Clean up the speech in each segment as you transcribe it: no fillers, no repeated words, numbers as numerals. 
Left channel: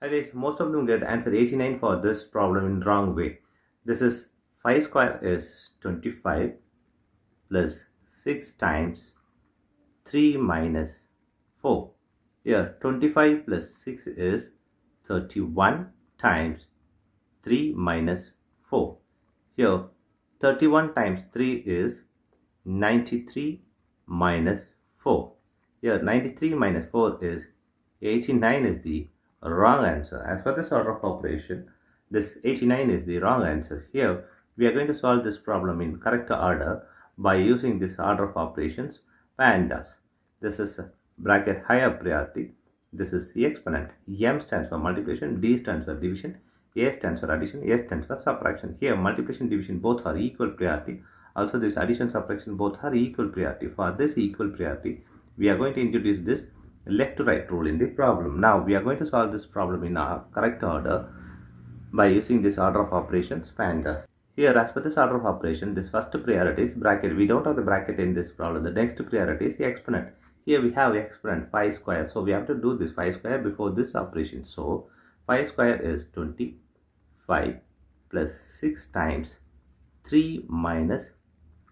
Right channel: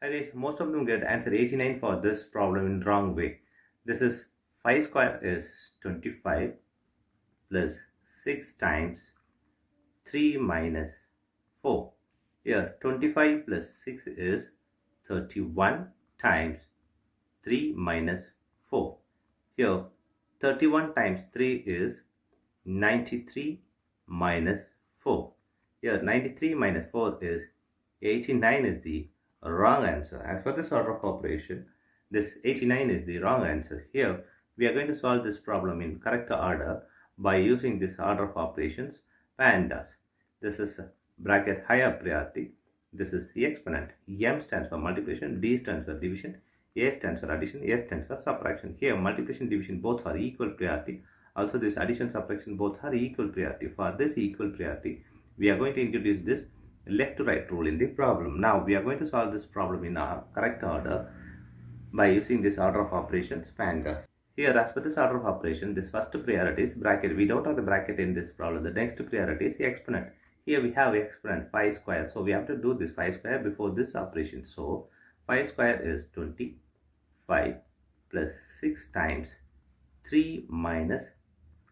Hi guys, most of them get answer 89 for this problem in wrong way. This is 5 square is 25 plus 6 times 3 minus 4. Here 25 plus 6 is 31 times 3 minus 4. Here 31 times 3 is 93 minus 4. Here 93 minus 4 is 89 is the wrong answer. As for this order of operation, this 89 is the wrong answer. Here we are going to solve this problem in correct order by using this order of operations PEMDAS. This is bracket higher priority. This is the exponent. M stands for multiplication, D stands for division, A stands for addition, S stands for subtraction. Here multiplication, division both are equal priority. Also this addition, subtraction both are equal priority. For this equal priority, we are going to introduce this left to right rule in the problem. Now we are going to solve this problem in our correct order by using this order of operations PEMDAS. Here, as per this order of operation, this first priority is bracket. We don't have the bracket in this problem. The next priority is the exponent. Here we have exponent 5 square. So we have to do this 5 square before this operation. So 5 square is 25 plus 6 times 3 minus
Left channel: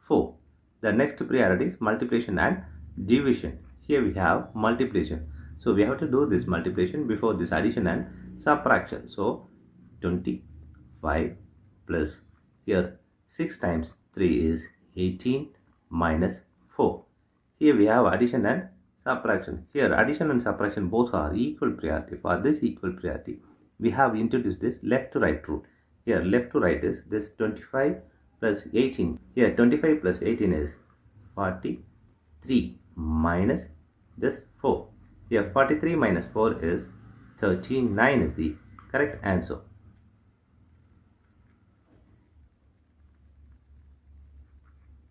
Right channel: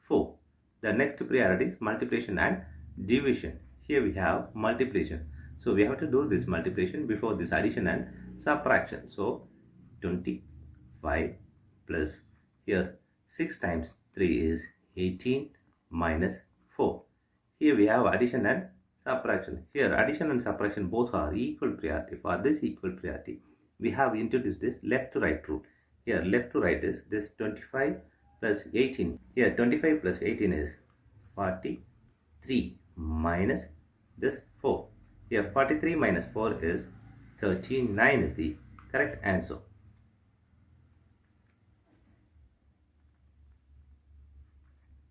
4. The next priority is multiplication and division. Here we have multiplication. So we have to do this multiplication before this addition and subtraction. So 25 plus here 6 times 3 is 18 minus 4. Here we have addition and subtraction. Here addition and subtraction both are equal priority. For this equal priority, we have introduced this left to right rule. Here left to right is this 25 plus 18. Here 25 plus 18 is 43 minus this 4. Here 43 minus 4 is 39 is the correct answer.